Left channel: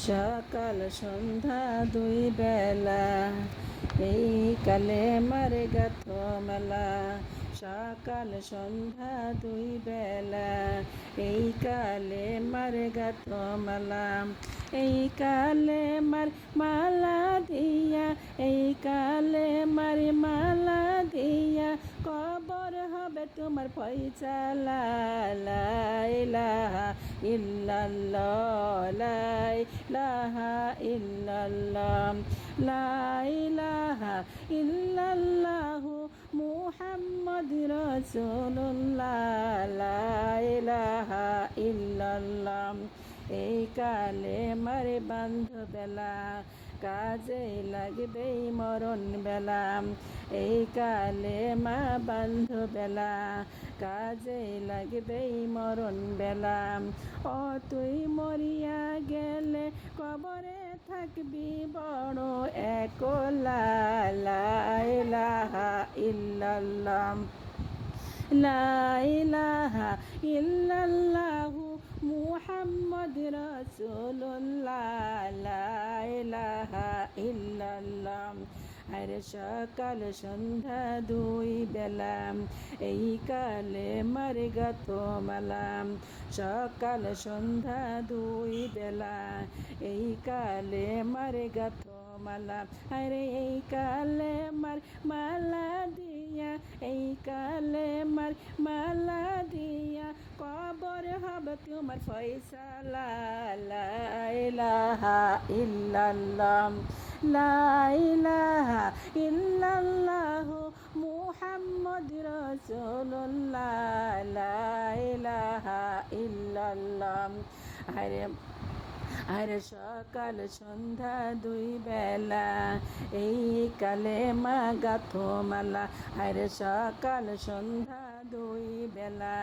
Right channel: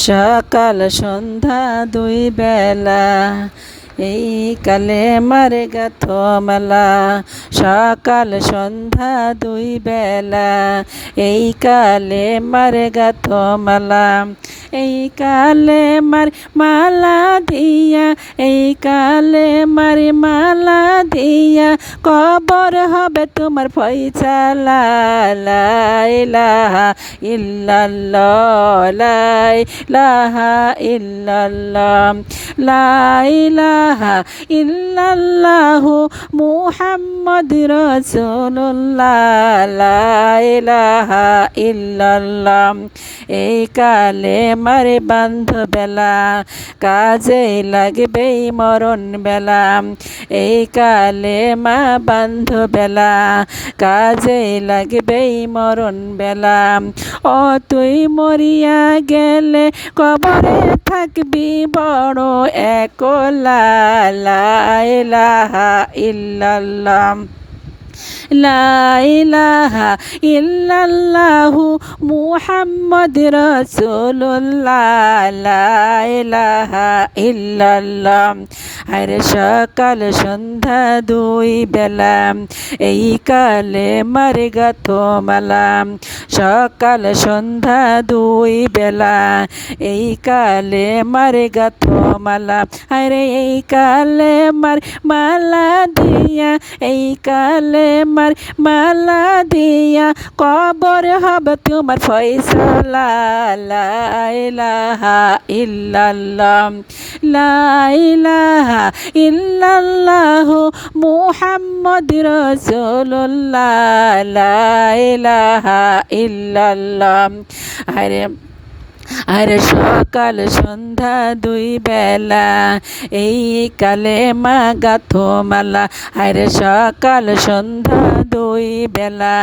সকাল সন্ধ্যা দুই বেলা এই কালে মারে গাথ মেলা, সকাল সন্ধ্যা দুই বেলা। এই কালে মারে গাথ মেলা, এই কালে মার মালা দিয়া, এই কালে মার মালা দিয়া। কবর হবে তোমার ফয়সালা লা ইলাহা ইল্লাল্লাহ, লা, ইলাহা ইল্লাল্লাহ, লা ইলাহা ইল্লাল্লাহু মুহাম্মদ রাসূলুল্লাহ, লা ইলাহা ইল্লাল্লাহ। এই কালে মারে বান্ধ বেলা কাজে লাগবে মরণ বেলা এই কালে মা বান্ধ বেলা কাজে লাগবে মরণ বেলা ও তুই মরিয়া গেলে কবরে থাকবি, বড় একলা লা ইলাহা ইল্লাল্লাহ। লা ইলাহা ইল্লাল্লাহু মুহাম্মদ রাসূলুল্লাহ। লা ইলাহা ইল্লাল্লাহ। আরে সকাল, সন্ধ্যা, দুই বেলা। এই কালে মারে গাথ মালা। সকাল, সন্ধ্যা, দুই বেলা। এই কালে মারে গাথ মালা। আরে এই কালে মার মালা দিয়া। এই কালে মার মালা দিয়া কবর হব তোমার ফয়সালা, লা ইলাহা ইল্লাল্লাহ, লা ইলাহা ইল্লাল্লাহ মুহাম্মদ রাসূলুল্লাহ, লা ইলাহা ইল্লাল্লাহ। আরে আর সকাল সন্ধ্যা দুই বেলা, এই কালে মা গাথ মালা। আর সকাল সন্ধ্যা দুই বেলা,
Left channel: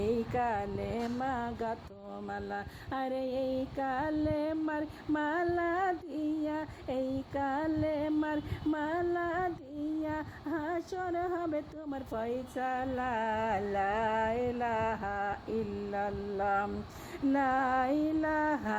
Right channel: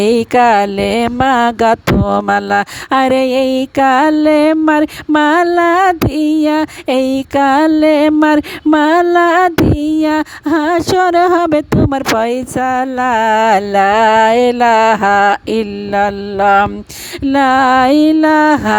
এই কালে মা গাথ মালা। আরে এই কালে মার মালা দিয়া, এই কালে মার মালা দিয়া, হাসর হবে তোমার পয়সা। লা ইলাহা ইল্লাল্লাহ, লা ইলাহা